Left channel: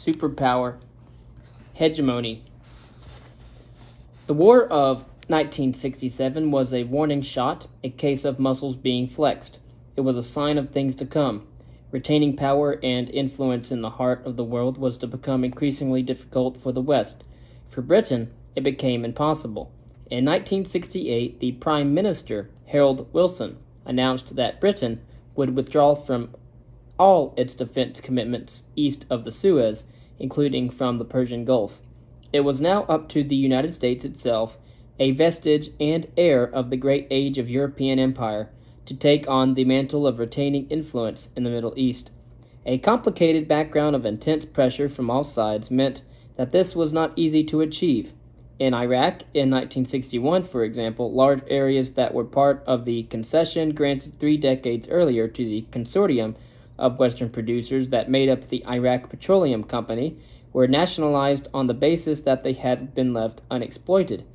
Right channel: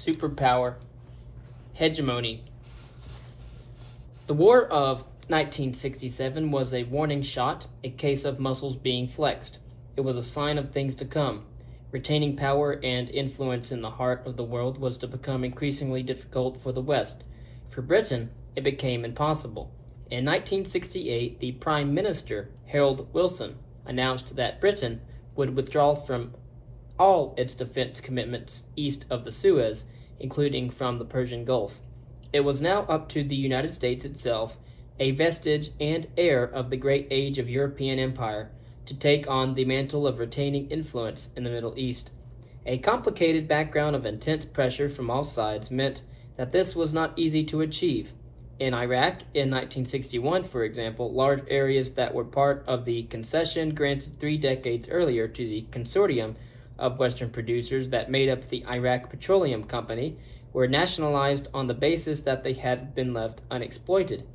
Superpower, Hegemony. The War of 1967 was a warning shot, a case of muscles being flexed. It was a sign of things to come. Retaining power and influence in the heart of the world was to become increasingly difficult for the West. For Britain, it became impossible. In 1968, the Prime Minister, Harold Wilson, announced that Britain would withdraw from all its defense commitments east of the Suez, including from the Persian Gulf. It was now up to the United States itself, a vestige and heir of the great age of European empire, to take on the mantle of retaining influence in the Middle East. A complicated background of intense pressure from all sides meant that this was not easy to achieve. In Iraq, in 1961, for example, large areas that were part of the concession granted 3 decades earlier to the consortium of Western producers that made up the Iraq Petroleum Company were nationalized on the basis that they had been left unexploited.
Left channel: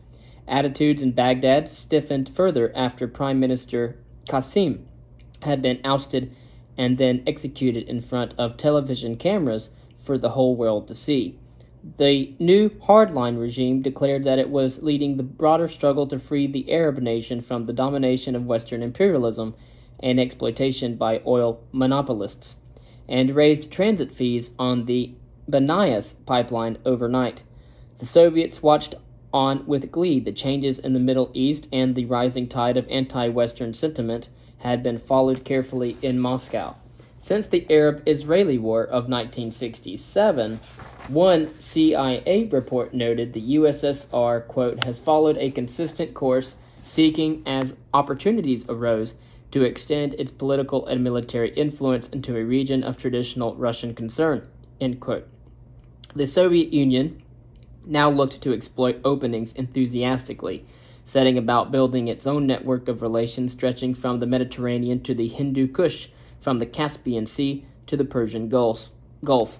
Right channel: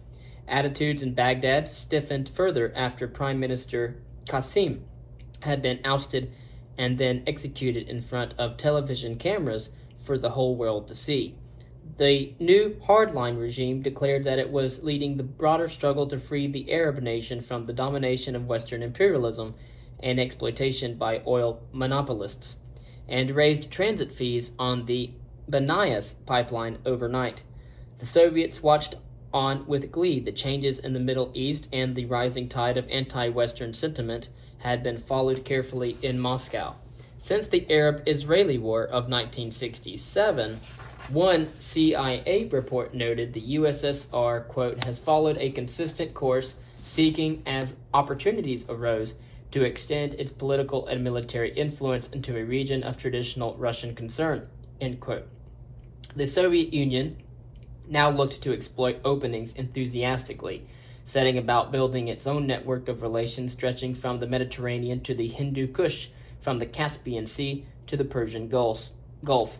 Attitudes in Baghdad stiffened further after Prime Minister Qasim had been ousted and then executed in front of television cameras for the whole world to see. The new hardline regime declared that it was leading the broader struggle to free the Arab nation from the domination of Western imperialism and exploitation by oil monopolists, and raised transit fees on the Banias pipeline overnight. The Soviets watched on with glee. The changes in the Middle East and the rising tide of anti-Western sentiment had been followed carefully in Moscow. Since the Arab-Israeli War of 1967, one CIA report noted the USSR, quote, has followed a consistent course seeking, as opportunities arose, to extend its political and military influence into a region of traditional Russian concern, end quote. The Soviet Union now looked to exploit openings enthusiastically, setting about building its own network of relations stretching from the Mediterranean to the Hindu Kush, from the Caspian Sea to the Persian Gulf.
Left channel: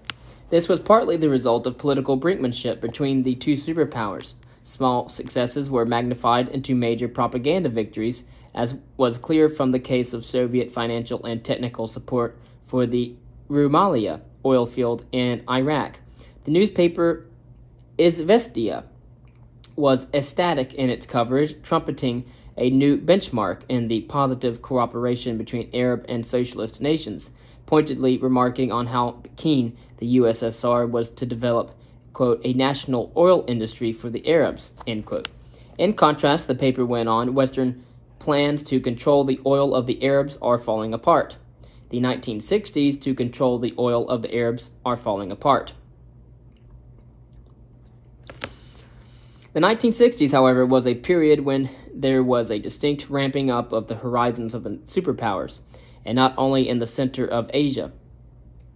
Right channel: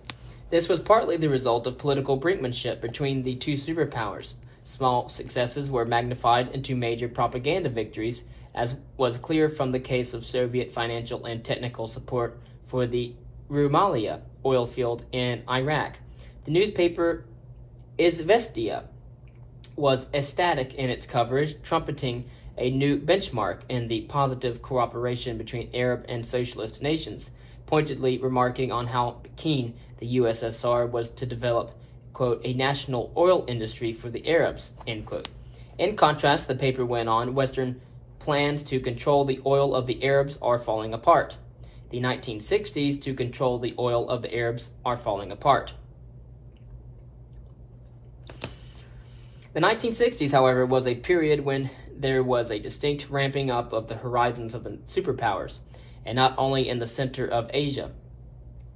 This was partly the result of political brinkmanship between the two superpowers. Small successes were magnified into major propaganda victories, as was clear from the case of Soviet financial and technical support for the Rumalia oil field in Iraq. The newspaper Izvestia was ecstatic in its coverage, trumpeting a new benchmark in the positive cooperation between Arab and socialist nations, pointedly remarking on how keen the USSR was to develop, quote, a national oil industry for the Arabs, end quote. In contrast, the paper went on, Western plans to control the oil of the Arabs are falling apart. The 1960s to control the oil of the Arabs are falling apart. The 1960s, however, was a period when there was a distinct ramping up of the horizons of the superpowers, and not only in the center of Asia.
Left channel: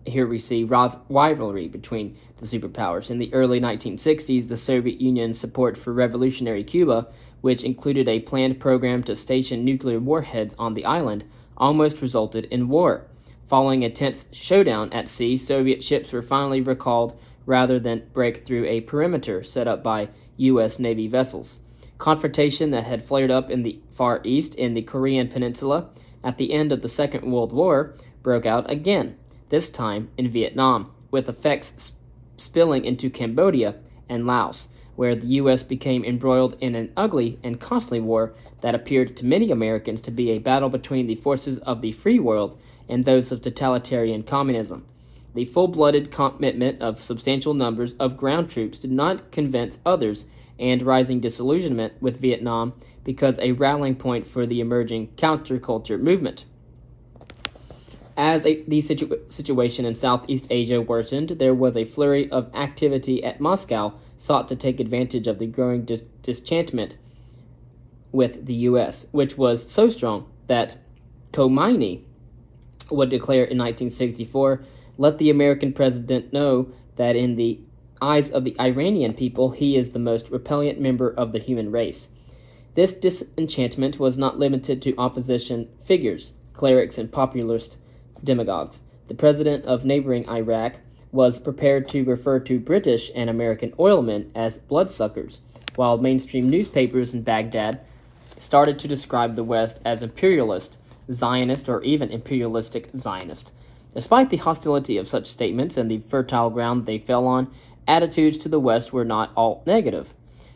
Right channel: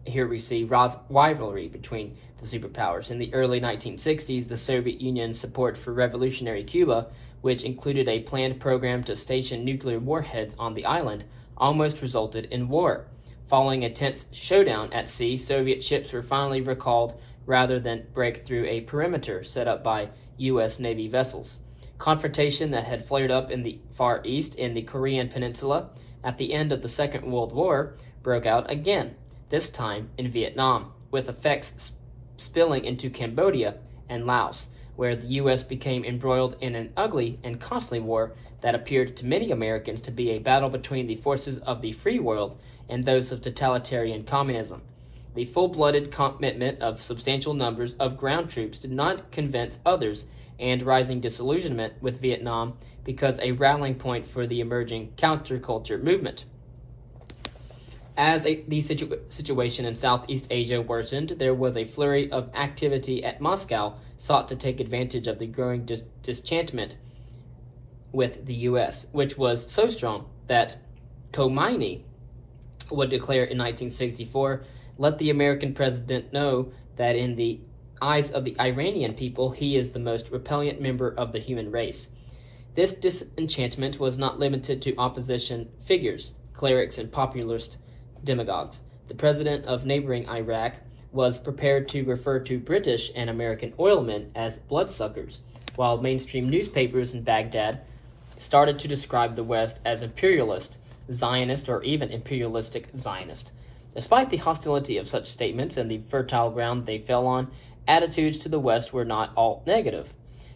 Here we see rivalry between the superpowers. In the early 1960s, the Soviet Union's support for revolutionary Cuba, which included a planned program to station nuclear warheads on the island, almost resulted in war. Following a tense showdown at sea, Soviet ships were finally recalled rather than break through a perimeter set up by U.S. Navy vessels. Confrontation that had flared up in the Far East in the Korean Peninsula at the end of the Second World War broke out again, this time in Vietnam, with effects spilling into Cambodia and Laos, where the U.S. became embroiled in an ugly and costly war that appeared to many Americans to be a battle between the forces of the free world and those of totalitarian communism. The full-blooded commitment of substantial numbers of ground troops did not convince others, and rising disillusionment with Vietnam becomes a rallying point for the emerging counterculture movement. As the situation in Southeast Asia worsened, there was a flurry of activity at Moscow sought to take advantage of the growing disenchantment with the U.S., which was so strong that Khomeini would declare in 1964, let the American president know that in the eyes of the Iranian people, he is the most repellent member of the human race. This disenchantment was not limited to opposition figures, clerics, and populist demagogues. The president of neighboring Iraq was prepared to refer to British and American oilmen as bloodsuckers, while mainstream newspapers in Baghdad started to describe the West as imperialist, Zionist, or even imperialistic Zionist. Despite the hostility of such statements and the fertile ground they fell on, attitudes to the West were not all negative.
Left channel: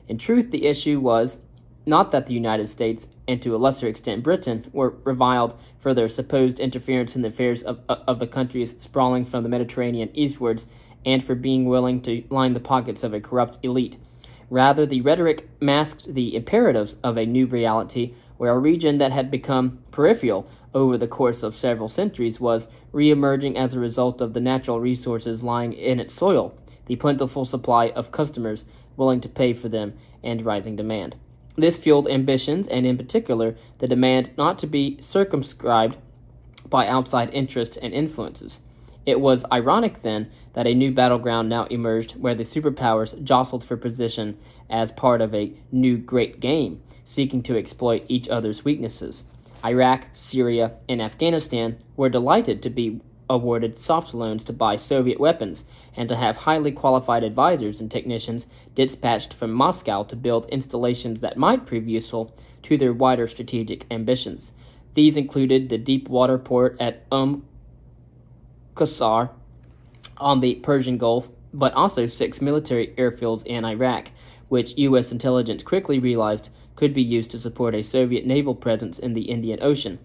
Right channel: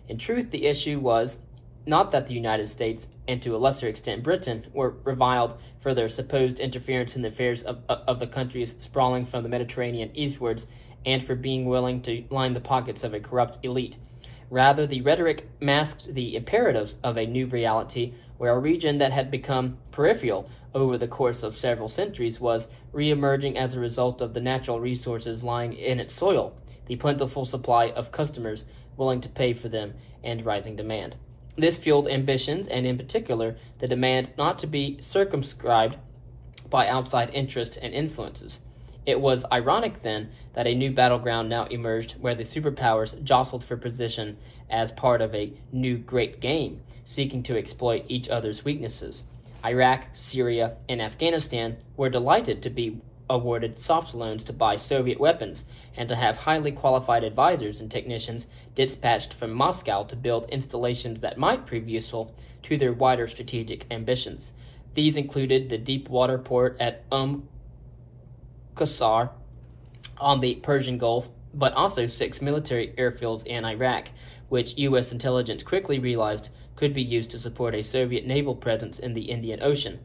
In truth, the issue was not that the United States, and to a lesser extent Britain, were reviled for their supposed interference in the affairs of the countries sprawling from the Mediterranean eastwards, and for being willing to line the pockets of a corrupt elite. Rather, the rhetoric masked the imperatives of a new reality where a region that had become peripheral over the course of several centuries was re-emerging as a result of the natural resources lying in its soil, the plentiful supply of customers willing to pay for them, and rising demand. This fueled ambitions, and in particular, the demand not to be circumscribed by outside interests and influences. It was ironic, then, that a new battleground now emerged where the superpowers jostled for position as part of a new great game, seeking to exploit each other's weaknesses. Iraq, Syria, and Afghanistan were delighted to be awarded soft loans to buy Soviet weapons and to have highly qualified advisors and technicians dispatched from Moscow to build installations that might prove useful to their wider strategic ambitions. These included the deep water port at Qusar on the Persian Gulf, but also 6 military airfields in Iraq, which U.S. intelligence quickly realized could be used to support a Soviet naval presence in the Indian Ocean.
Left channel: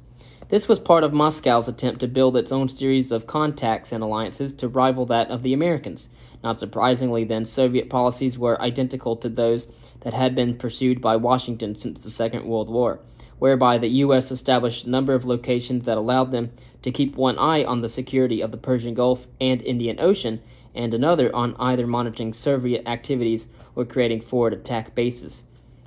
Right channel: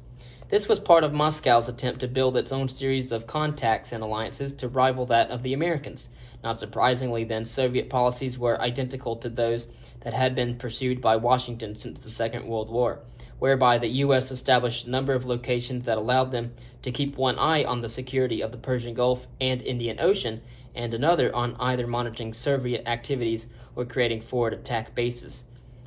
This was part of Moscow's attempt to build its own series of contacts and alliances to rival that of the Americans. Not surprisingly, then, Soviet policies were identical to those that had been pursued by Washington since the Second World War, whereby the U.S. established a number of locations that allowed them to keep one eye on the security of the Persian Gulf and Indian Ocean, and another on either monitoring Soviet activities or creating forward attack bases.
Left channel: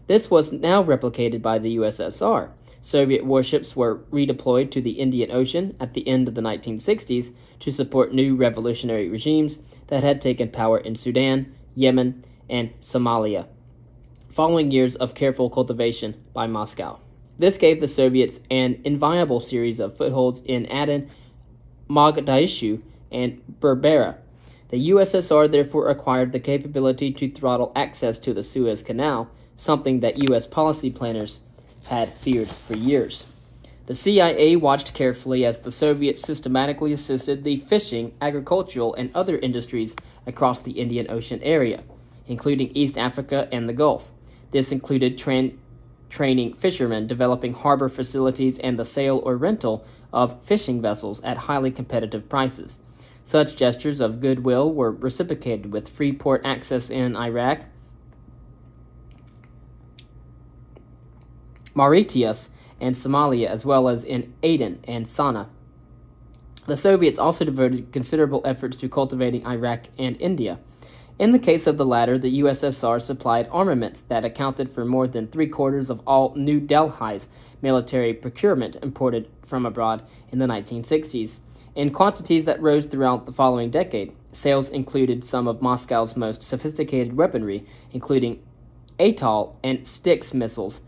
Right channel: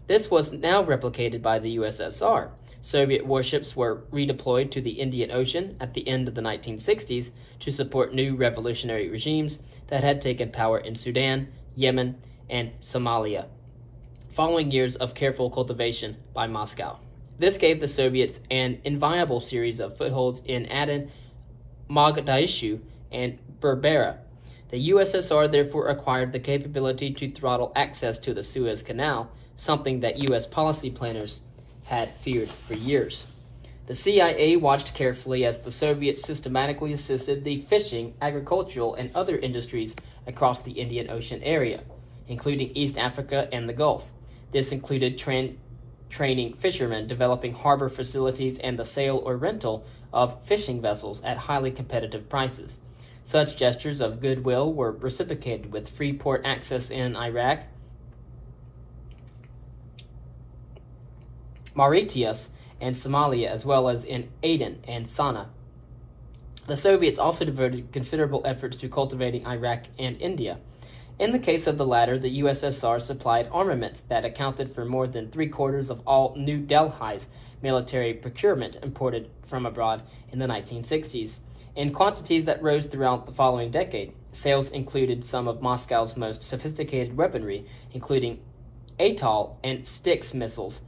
This was now replicated by the USSR. Soviet warships were redeployed to the Indian Ocean at the end of the 1960s to support new revolutionary regimes that had taken power in Sudan, Yemen, and Somalia, following years of careful cultivation by Moscow. This gave the Soviets an inviolable series of footholds in Aden, Mogadishu, and Berbera. The USSR therefore acquired the capability to throttle access to the Suez Canal, something that U.S. policy planners had feared for years. The CIA watched carefully as the Soviets systematically assisted the fishing, agricultural, and other industries across the Indian Ocean area, including East Africa and the Gulf. This included training fishermen, developing harbor facilities, and the sale or rental of fishing vessels at highly competitive prices. Such gestures of goodwill were reciprocated with free port access in Iraq, Mauritius, and Somalia, as well as in Aden and Sana'a. The Soviets also devoted considerable efforts to cultivating Iraq and India. In the case of the latter, the USSR supplied armaments that accounted for more than 3/4 of all New Delhi's military procurement imported from abroad in the 1960s, in quantities that rose throughout the following decade. Sales included some of Moscow's most sophisticated weaponry, including Atoll and Styx missiles,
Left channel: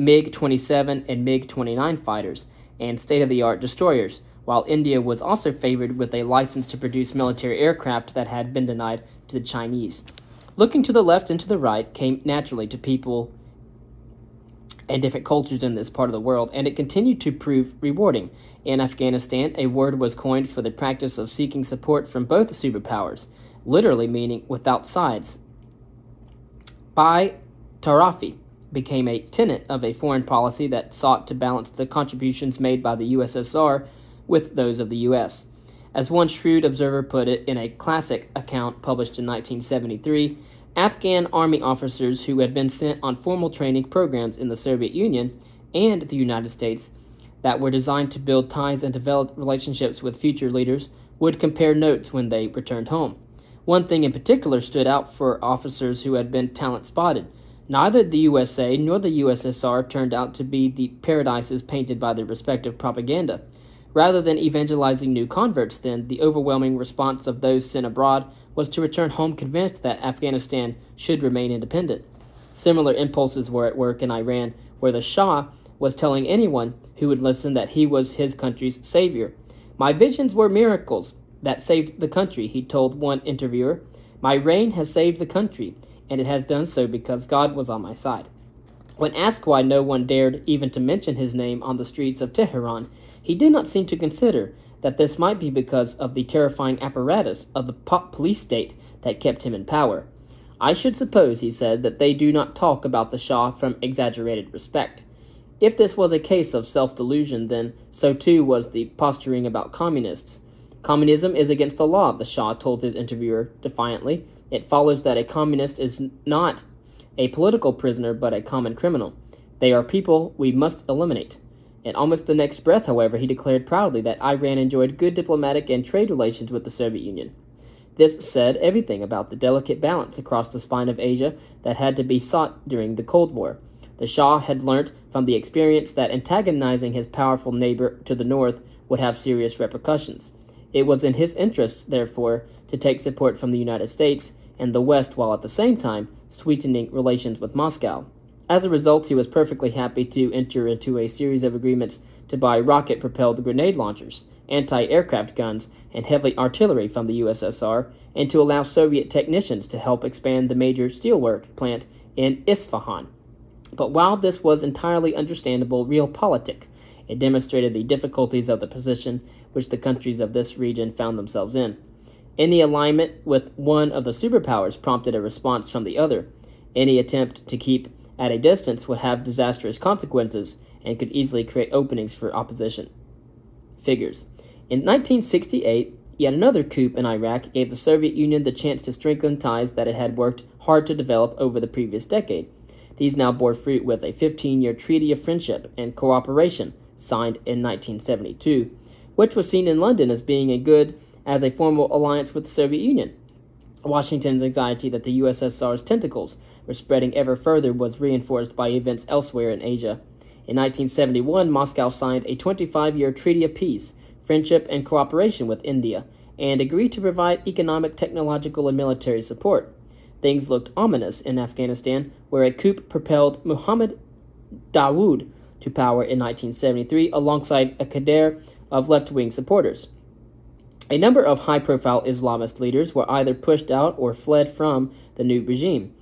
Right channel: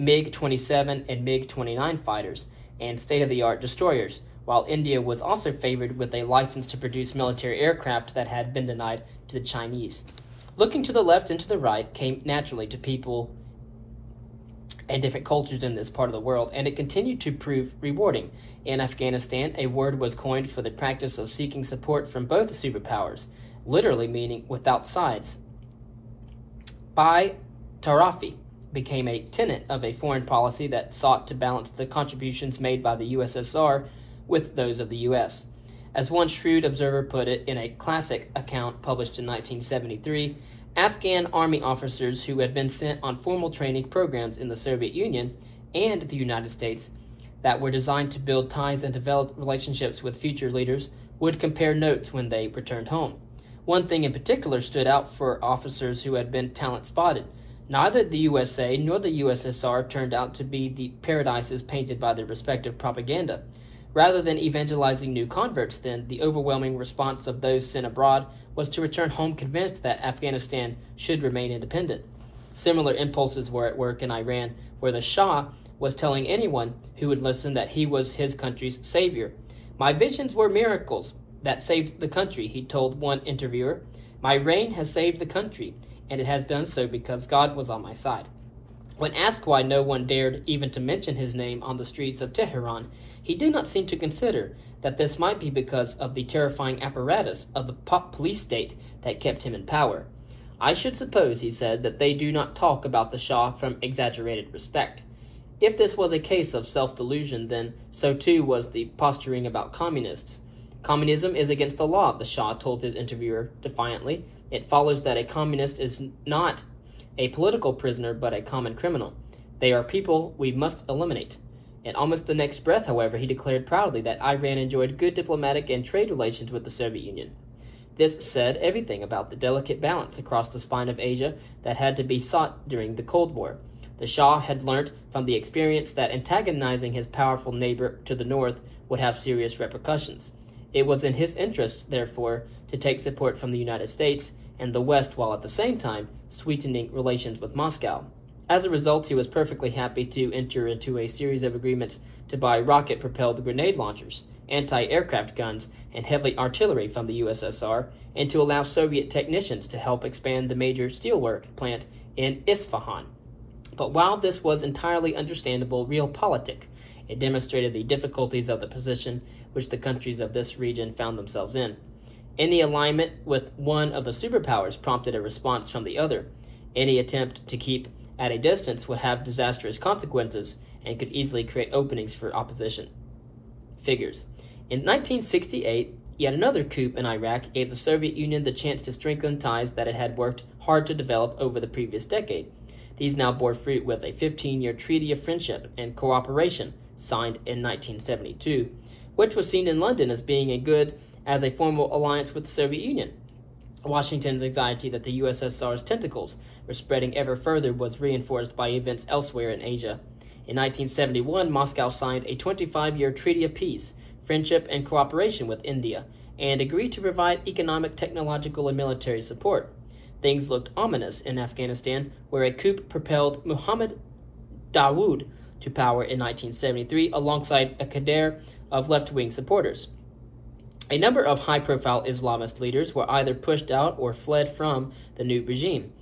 MiG-27 and MiG-29 fighters, and state-of-the-art destroyers, while India was also favored with a license to produce military aircraft that had been denied to the Chinese. Looking to the left and to the right came naturally to people and different cultures in this part of the world, and it continued to prove rewarding. In Afghanistan, a word was coined for the practice of seeking support from both superpowers, literally meaning without sides. Bi-Tarafi became a tenet of a foreign policy that sought to balance the contributions made by the USSR with those of the U.S. As one shrewd observer put it in a classic account published in 1973, Afghan army officers who had been sent on formal training programs in the Soviet Union and the United States that were designed to build ties and develop relationships with future leaders would compare notes when they returned home. One thing in particular stood out for officers who had been talent spotted. Neither the USA nor the USSR turned out to be the paradises painted by their respective propaganda. Rather than evangelizing new converts, then, the overwhelming response of those sent abroad was to return home convinced that Afghanistan should remain independent. Similar impulses were at work in Iran, where the Shah was telling anyone who would listen that he was his country's savior. "My visions were miracles that saved the country," he told one interviewer. "My reign has saved the country, and it has done so because God was on my side." When asked why no one dared even to mention his name on the streets of Tehran, he did not seem to consider that this might be because of the terrifying apparatus of the police state that kept him in power. I should suppose, he said, that they do not talk about the Shah from exaggerated respect. If this was a case of self-delusion, then so too was the posturing about communists. Communism is against the law, the Shah told his interviewer defiantly. It follows that a communist is not a political prisoner, but a common criminal. They are people we must eliminate. In almost the next breath, however, he declared proudly that Iran enjoyed good diplomatic and trade relations with the Soviet Union. This said everything about the delicate balance across the spine of Asia that had to be sought during the Cold War. The Shah had learnt from the experience that antagonizing his powerful neighbor to the north would have serious repercussions. It was in his interests, therefore, to take support from the United States and the West while at the same time sweetening relations with Moscow. As a result, he was perfectly happy to enter into a series of agreements to buy rocket-propelled grenade launchers, anti-aircraft guns, and heavy artillery from the USSR, and to allow Soviet technicians to help expand the major steelwork plant in Isfahan. But while this was entirely understandable realpolitik, it demonstrated the difficulties of the position which the countries of this region found themselves in. Any alignment with one of the superpowers prompted a response from the other. Any attempt to keep at a distance would have disastrous consequences and could easily create openings for opposition. Figures. In 1968, yet another coup in Iraq gave the Soviet Union the chance to strengthen ties that it had worked hard to develop over the previous decade. These now bore fruit with a 15-year treaty of friendship and cooperation signed in 1972, which was seen in London as being as a formal alliance with the Soviet Union. Washington's anxiety that the USSR's tentacles were spreading ever further was reinforced by events elsewhere in Asia. In 1971, Moscow signed a 25-year treaty of peace, friendship, and cooperation with India, and agreed to provide economic, technological, and military support. Things looked ominous in Afghanistan, where a coup propelled Muhammad Dawood to power in 1973 alongside a cadre of left-wing supporters. A number of high-profile Islamist leaders were either pushed out or fled from the new regime.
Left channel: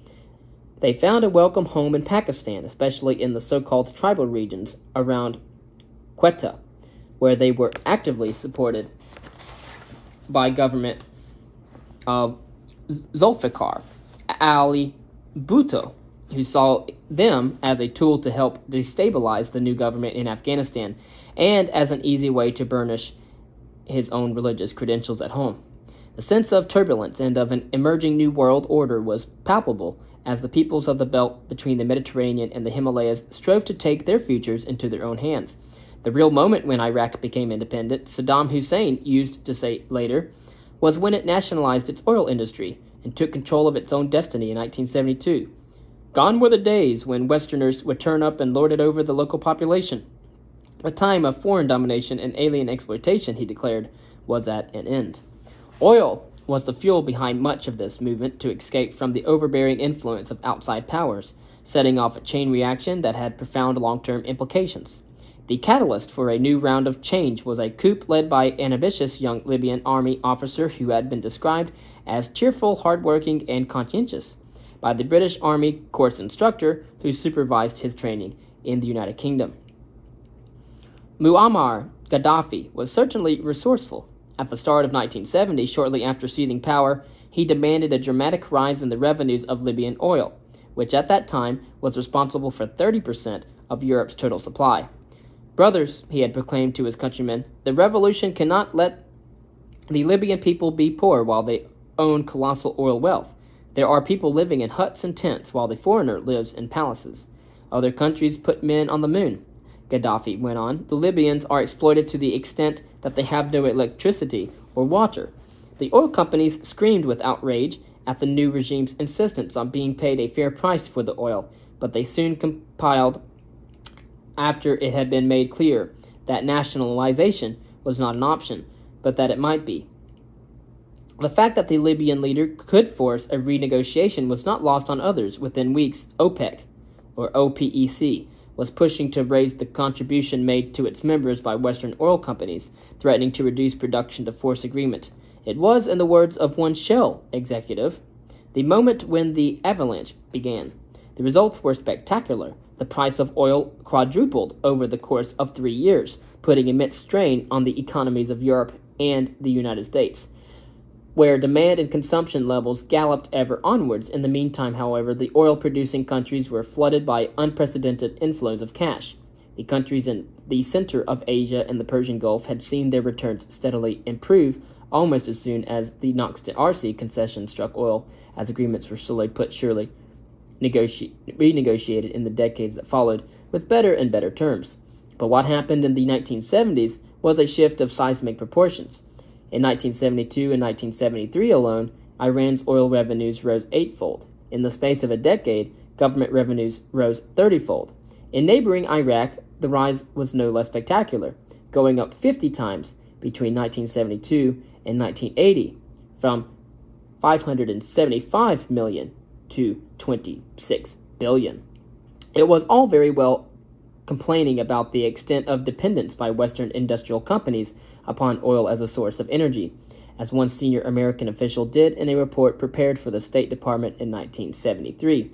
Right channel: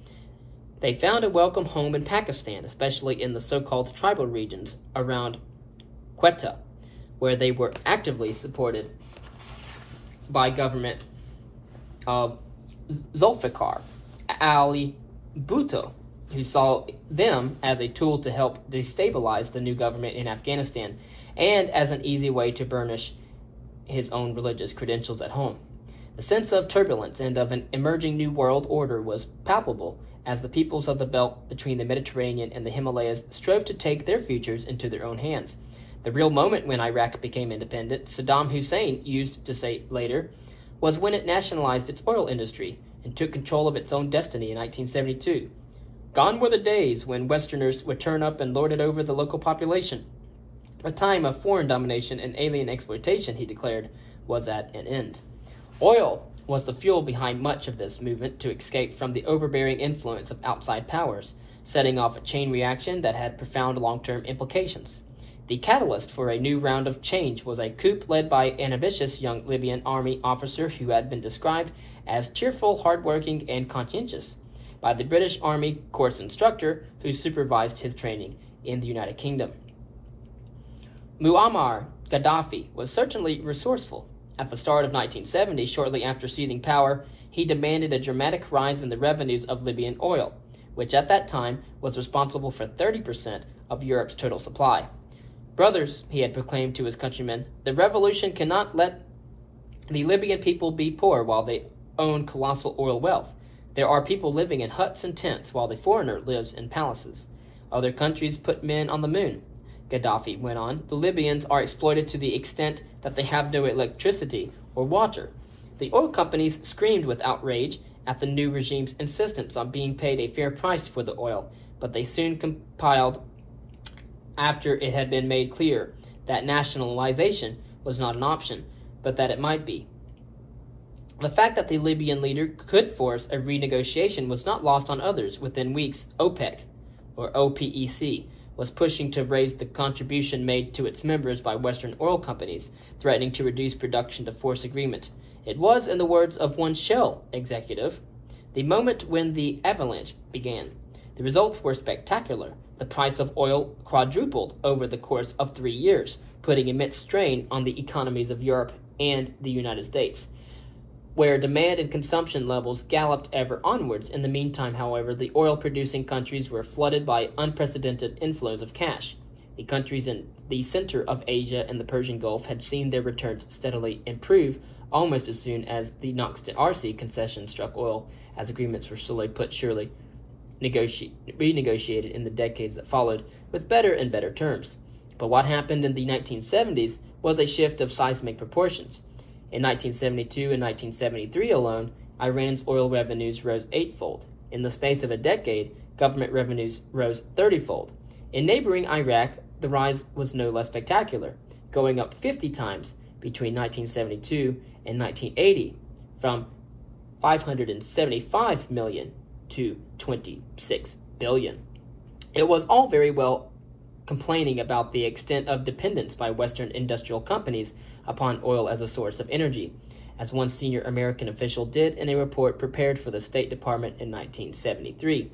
They found a welcome home in Pakistan, especially in the so-called tribal regions around Quetta, where they were actively supported by government of Zulfikar Ali Bhutto, who saw them as a tool to help destabilize the new government in Afghanistan and as an easy way to burnish his own religious credentials at home. The sense of turbulence and of an emerging new world order was palpable as the peoples of the belt between the Mediterranean and the Himalayas strove to take their futures into their own hands. The real moment when Iraq became independent, Saddam Hussein used to say later, was when it nationalized its oil industry and took control of its own destiny in 1972. Gone were the days when Westerners would turn up and lord it over the local population. A time of foreign domination and alien exploitation, he declared, was at an end. Oil was the fuel behind much of this movement to escape from the overbearing influence of outside powers, setting off a chain reaction that had profound long-term implications. The catalyst for a new round of change was a coup led by an ambitious young Libyan army officer who had been described as cheerful, hardworking, and conscientious by the British Army course instructor who supervised his training in the United Kingdom. Muammar Gaddafi was certainly resourceful. At the start of 1970, shortly after seizing power, he demanded a dramatic rise in the revenues of Libyan oil, which at that time was responsible for 30% of Europe's total supply. Brothers, he had proclaimed to his countrymen, the revolution cannot let the Libyan people be poor while they own colossal oil wealth. There are people living in huts and tents while the foreigner lives in palaces. Other countries put men on the moon. Gaddafi went on, the Libyans are exploited to the extent that they have no electricity or water. The oil companies screamed with outrage at the new regime's insistence on being paid a fair price for the oil, but they soon complied after it had been made clear that nationalization was not an option, but that it might be. The fact that the Libyan leader could force a renegotiation was not lost on others. Within weeks, OPEC, or OPEC, was pushing to raise the contribution made to its members by Western oil companies, threatening to reduce production to force agreement. It was, in the words of one Shell executive, the moment when the avalanche began. The results were spectacular. the price of oil quadrupled over the course of 3 years, putting immense strain on the economies of Europe and the United States, where demand and consumption levels galloped ever onwards. In the meantime, however, the oil-producing countries were flooded by unprecedented inflows of cash. The countries in the center of Asia and the Persian Gulf had seen their returns steadily improve almost as soon as the Knox-to-Arcy concession struck oil, as agreements were slowly but surely renegotiated in the decades that followed with better and better terms. But what happened in the 1970s was a shift of seismic proportions. In 1972 and 1973 alone, Iran's oil revenues rose eightfold. In the space of a decade, government revenues rose 30-fold. In neighboring Iraq, the rise was no less spectacular, going up 50 times between 1972 and 1980, from 575 million to 26 billion. It was all very well complaining about the extent of dependence by Western industrial companies upon oil as a source of energy, as one senior American official did in a report prepared for the State Department in 1973.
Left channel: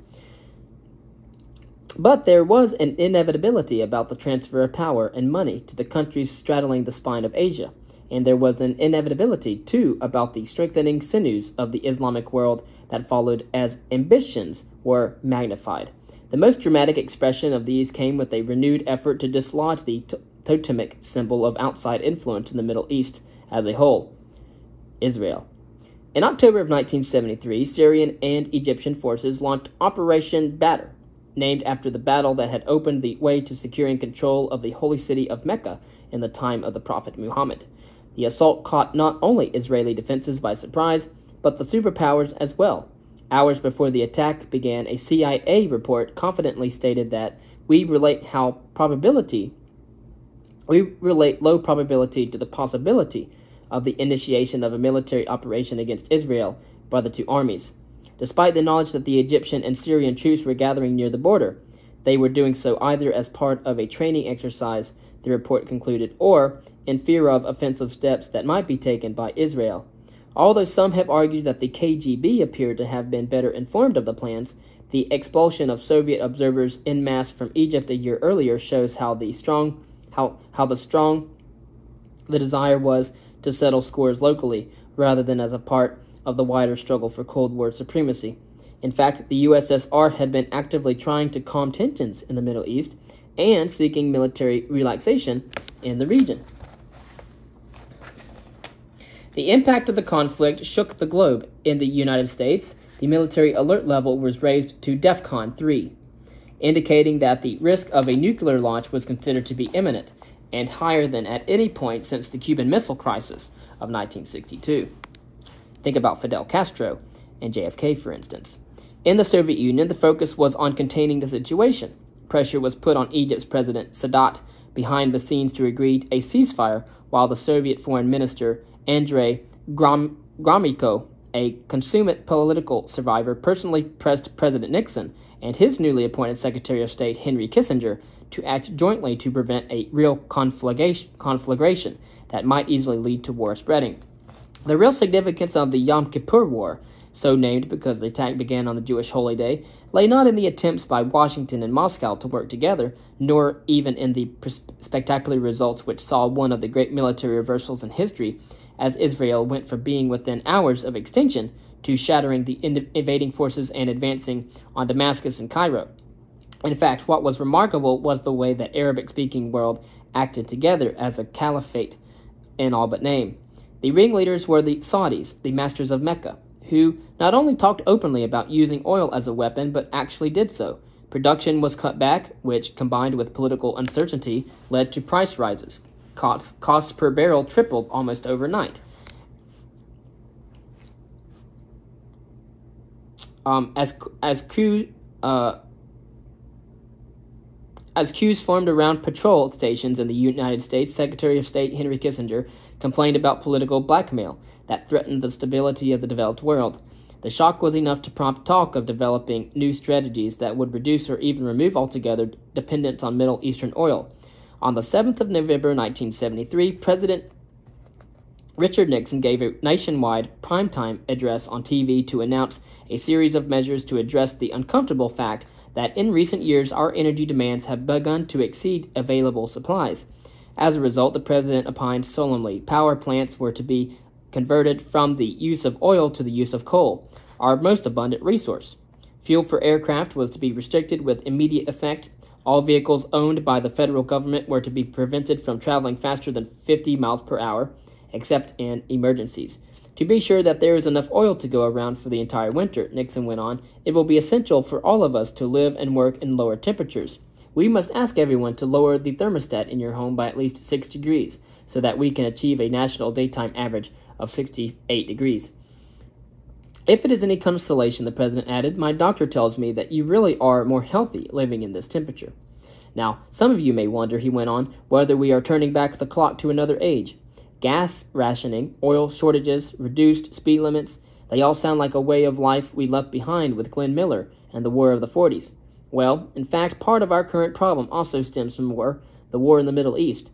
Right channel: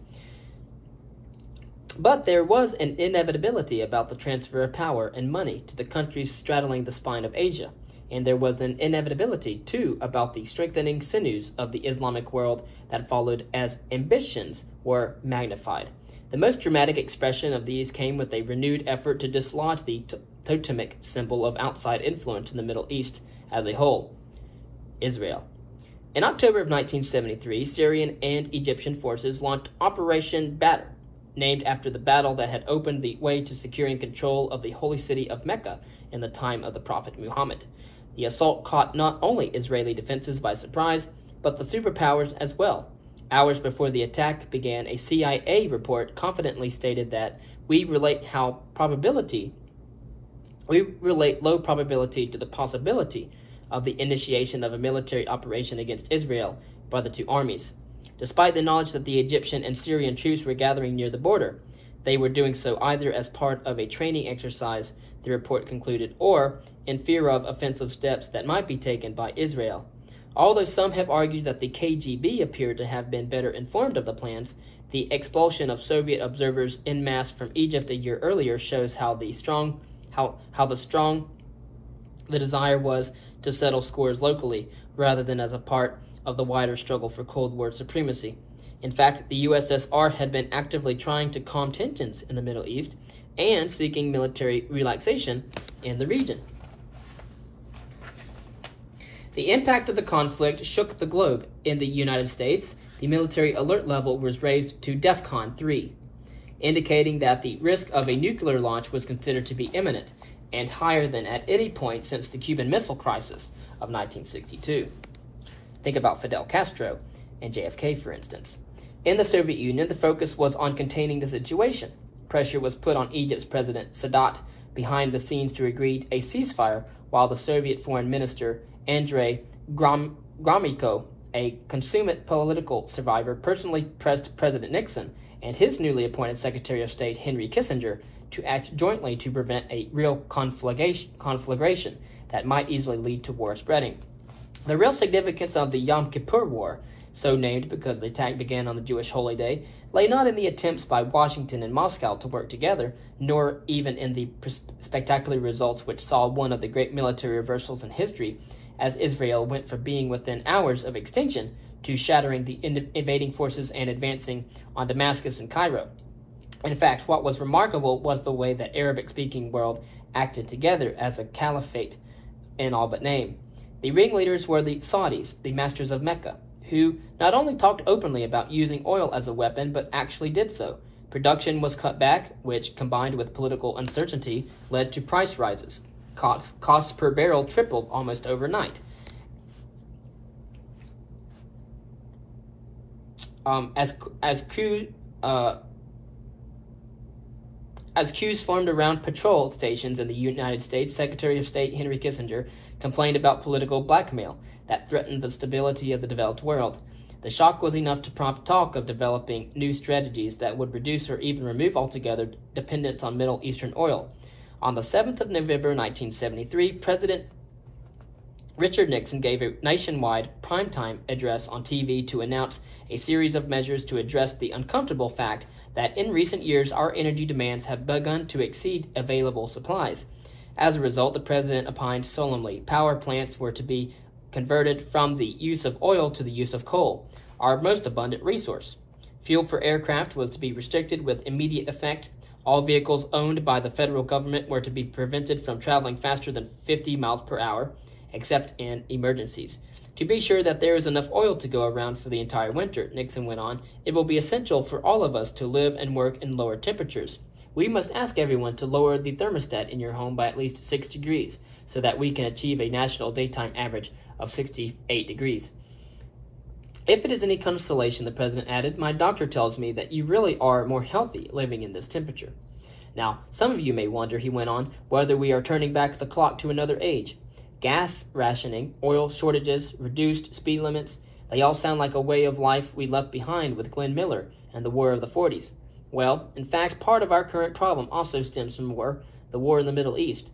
But there was an inevitability about the transfer of power and money to the countries straddling the spine of Asia, and there was an inevitability, too, about the strengthening sinews of the Islamic world that followed as ambitions were magnified. The most dramatic expression of these came with a renewed effort to dislodge the totemic symbol of outside influence in the Middle East as a whole, Israel. In October of 1973, Syrian and Egyptian forces launched Operation Badr, named after the battle that had opened the way to securing control of the holy city of Mecca in the time of the Prophet Muhammad. The assault caught not only Israeli defenses by surprise, but the superpowers as well. Hours before the attack began, a CIA report confidently stated that we relate low probability to the possibility of the initiation of a military operation against Israel by the two armies. Despite the knowledge that the Egyptian and Syrian troops were gathering near the border, they were doing so either as part of a training exercise, the report concluded, or in fear of offensive steps that might be taken by Israel. Although some have argued that the KGB appeared to have been better informed of the plans, the expulsion of Soviet observers en masse from Egypt a year earlier shows how strong the desire was to settle scores locally, rather than as a part of the wider struggle for Cold War supremacy. In fact, the USSR had been actively trying to calm tensions in the Middle East and seeking military relaxation in the region. The impact of the conflict shook the globe. In the United States, the military alert level was raised to DEFCON 3, indicating that the risk of a nuclear launch was considered to be imminent and higher than at any point since the Cuban Missile Crisis of 1962. Think about Fidel Castro and JFK, for instance. In the Soviet Union, the focus was on containing the situation. Pressure was put on Egypt's President Sadat behind the scenes to agree a ceasefire, while the Soviet Foreign Minister Andrei Gromyko, a consummate political survivor, personally pressed President Nixon and his newly appointed Secretary of State Henry Kissinger to act jointly to prevent a real conflagration that might easily lead to war spreading. The real significance of the Yom Kippur War, so named because the attack began on the Jewish holy day, lay not in the attempts by Washington and Moscow to work together, nor even in the spectacular results which saw one of the great military reversals in history, as Israel went from being within hours of extinction to shattering the invading forces and advancing on Damascus and Cairo. In fact, what was remarkable was the way that Arabic-speaking world acted together as a caliphate in all but name. The ringleaders were the Saudis, the masters of Mecca, who not only talked openly about using oil as a weapon, but actually did so. Production was cut back, which, combined with political uncertainty, led to price rises. Costs per barrel tripled almost overnight. As queues formed around patrol stations in the United States, Secretary of State Henry Kissinger complained about political blackmail that threatened the stability of the developed world. The shock was enough to prompt talk of developing new strategies that would reduce or even remove altogether dependence on Middle Eastern oil. On the 7th of November 1973, President Richard Nixon gave a nationwide primetime address on TV to announce a series of measures to address the uncomfortable fact that in recent years our energy demands have begun to exceed available supplies. As a result, the president opined solemnly power plants were to be converted from the use of oil to the use of coal, our most abundant resource. Fuel for aircraft was to be restricted with immediate effect. All vehicles owned by the federal government were to be prevented from traveling faster than 50 miles per hour, except in emergencies. To be sure that there is enough oil to go around for the entire winter, Nixon went on, it will be essential for all of us to live and work in lower temperatures. We must ask everyone to lower the thermostat in your home by at least 6 degrees, so that we can achieve a national daytime average of 68 degrees. If it is any consolation, the president added, my doctor tells me that you really are more healthy living in this temperature. Now, some of you may wonder, he went on, whether we are turning back the clock to another age. Gas rationing, oil shortages, reduced speed limits, they all sound like a way of life we left behind with Glenn Miller and the War of the 40s. Well, in fact, part of our current problem also stems from the war in the Middle East.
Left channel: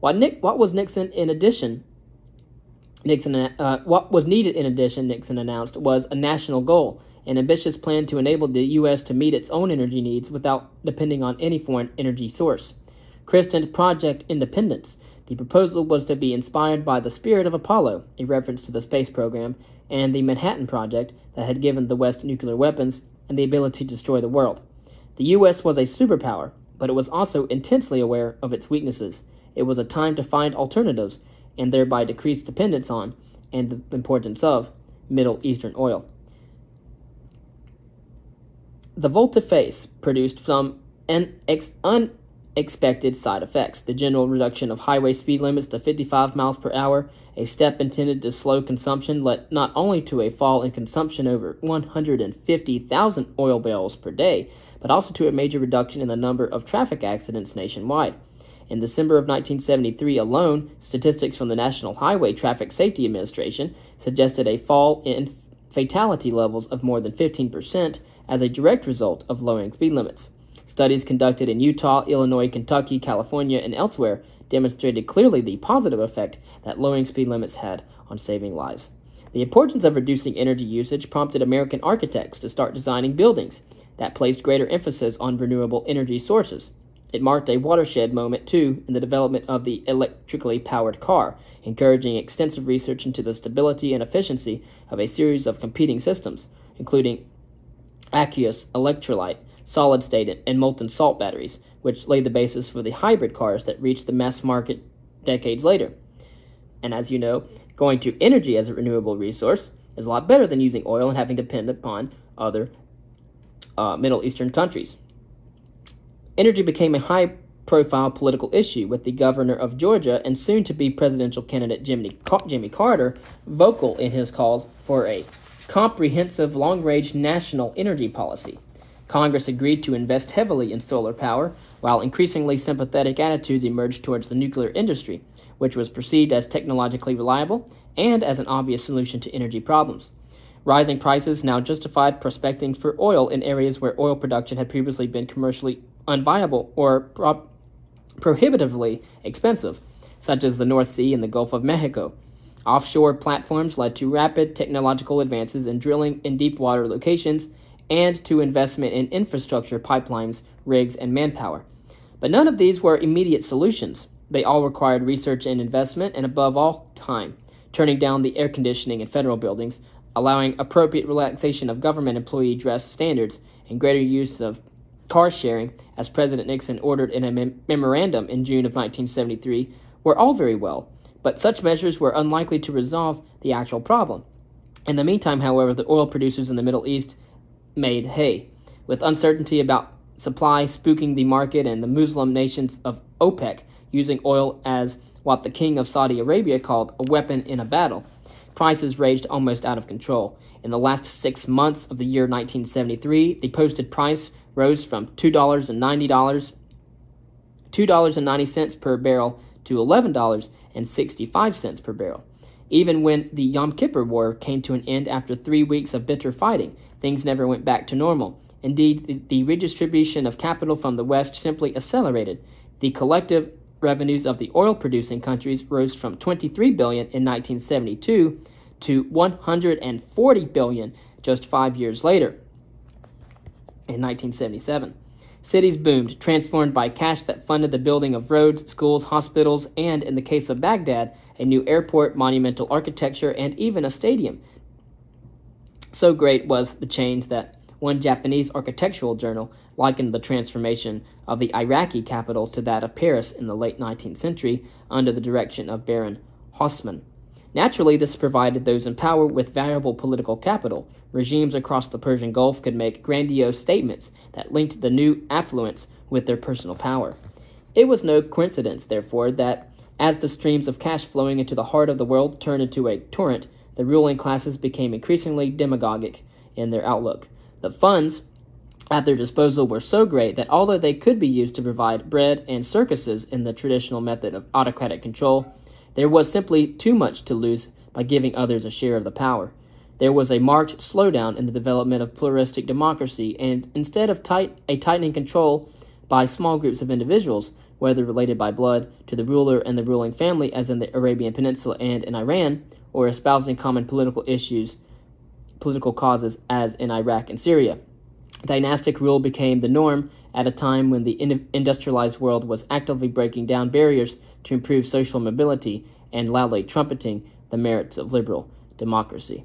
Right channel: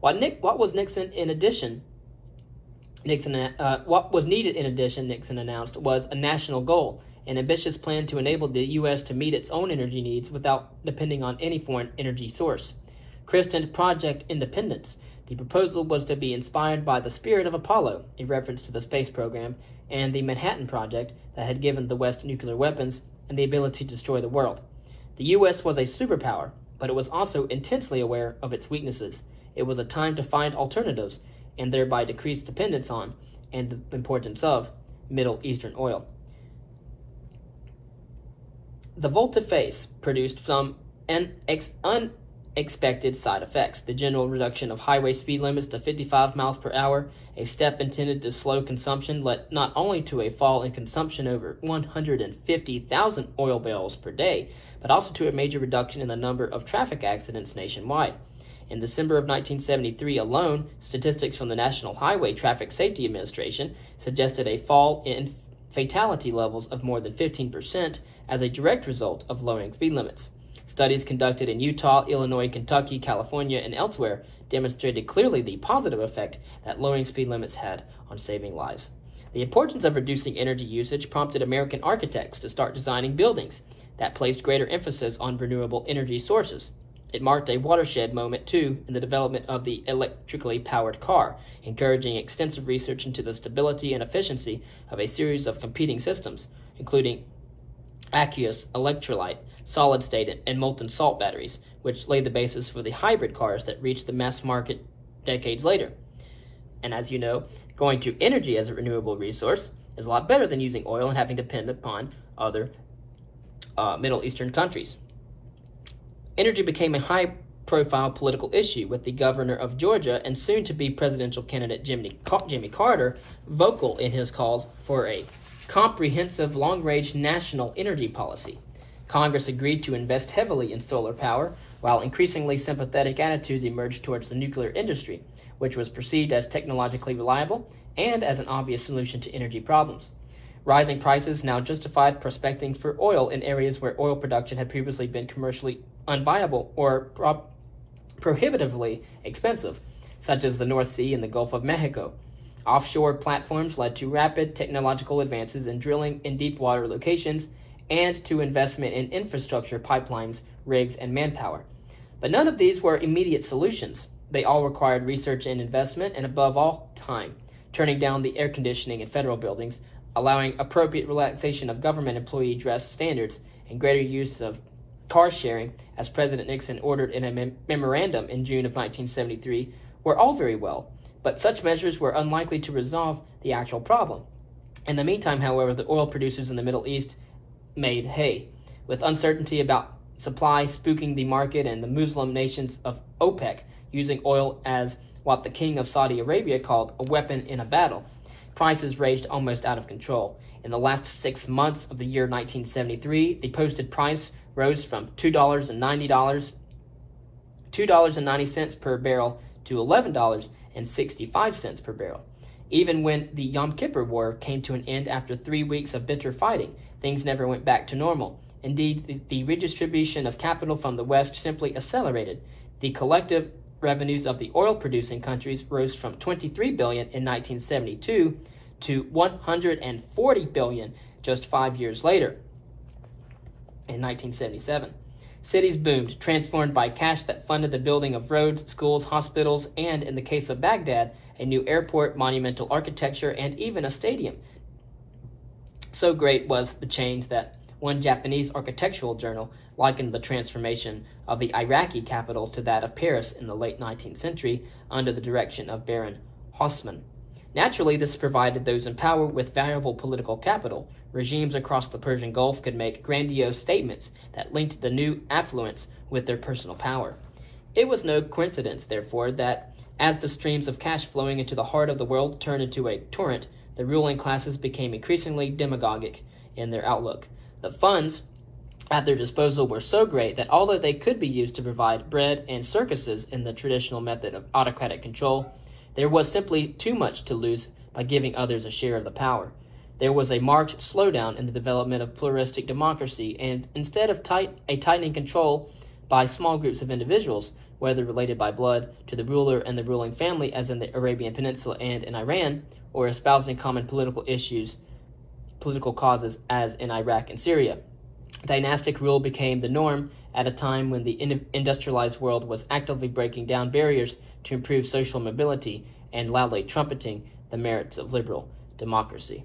What was needed in addition, Nixon announced, was a national goal, an ambitious plan to enable the U.S. to meet its own energy needs without depending on any foreign energy source. Christened Project Independence, the proposal was to be inspired by the spirit of Apollo, a reference to the space program, and the Manhattan Project that had given the West nuclear weapons and the ability to destroy the world. The U.S. was a superpower, but it was also intensely aware of its weaknesses. It was a time to find alternatives and thereby decrease dependence on and the importance of Middle Eastern oil. The volte-face produced some unexpected side effects. The general reduction of highway speed limits to 55 miles per hour, a step intended to slow consumption, led not only to a fall in consumption over 150,000 oil barrels per day, but also to a major reduction in the number of traffic accidents nationwide. In December of 1973 alone, statistics from the National Highway Traffic Safety Administration suggested a fall in fatality levels of more than 15% as a direct result of lowering speed limits. Studies conducted in Utah, Illinois, Kentucky, California, and elsewhere demonstrated clearly the positive effect that lowering speed limits had on saving lives. The importance of reducing energy usage prompted American architects to start designing buildings that placed greater emphasis on renewable energy sources. It marked a watershed moment, too, in the development of the electrically powered car, encouraging extensive research into the stability and efficiency of a series of competing systems, including aqueous, electrolyte, solid-state, and molten salt batteries, which laid the basis for the hybrid cars that reached the mass market decades later. And as you know, going to energy as a renewable resource is a lot better than using oil and having to depend upon other Middle Eastern countries. Energy became a high-profile political issue, with the governor of Georgia and soon-to-be presidential candidate Jimmy Carter vocal in his calls for a comprehensive long-range national energy policy. Congress agreed to invest heavily in solar power, while increasingly sympathetic attitudes emerged towards the nuclear industry, which was perceived as technologically reliable and as an obvious solution to energy problems. Rising prices now justified prospecting for oil in areas where oil production had previously been commercially unviable or prohibitively expensive, such as the North Sea and the Gulf of Mexico. Offshore platforms led to rapid technological advances in drilling in deep water locations and to investment in infrastructure, pipelines, rigs, and manpower. But none of these were immediate solutions. They all required research and investment, and above all, time, turning down the air conditioning in federal buildings, allowing appropriate relaxation of government employee dress standards, and greater use of car sharing, as President Nixon ordered in a memorandum in June of 1973, were all very well, but such measures were unlikely to resolve the actual problem. In the meantime, however, the oil producers in the Middle East made hay, with uncertainty about supply spooking the market and the Muslim nations of OPEC using oil as what the king of Saudi Arabia called a weapon in a battle. Prices raged almost out of control. In the last 6 months of the year 1973, the posted price rose from $2.90 per barrel to $11.65 per barrel. Even when the Yom Kippur War came to an end after 3 weeks of bitter fighting, things never went back to normal. Indeed, the redistribution of capital from the West simply accelerated. The collective revenues of the oil-producing countries rose from $23 billion in 1972 to $140 billion just 5 years later, in 1977. Cities boomed, transformed by cash that funded the building of roads, schools, hospitals, and, in the case of Baghdad, a new airport, monumental architecture, and even a stadium. So great was the change that one Japanese architectural journal likened the transformation of the Iraqi capital to that of Paris in the late 19th century under the direction of Baron Haussmann. Naturally, this provided those in power with valuable political capital. Regimes across the Persian Gulf could make grandiose statements that linked the new affluence with their personal power. It was no coincidence, therefore, that as the streams of cash flowing into the heart of the world turned into a torrent, the ruling classes became increasingly demagogic in their outlook. The funds at their disposal were so great that although they could be used to provide bread and circuses in the traditional method of autocratic control, there was simply too much to lose by giving others a share of the power. There was a marked slowdown in the development of pluralistic democracy, and instead of tightening control by small groups of individuals, whether related by blood to the ruler and the ruling family as in the Arabian Peninsula and in Iran, or espousing common political causes as in Iraq and Syria. Dynastic rule became the norm at a time when the industrialized world was actively breaking down barriers to improve social mobility and loudly trumpeting the merits of liberal democracy.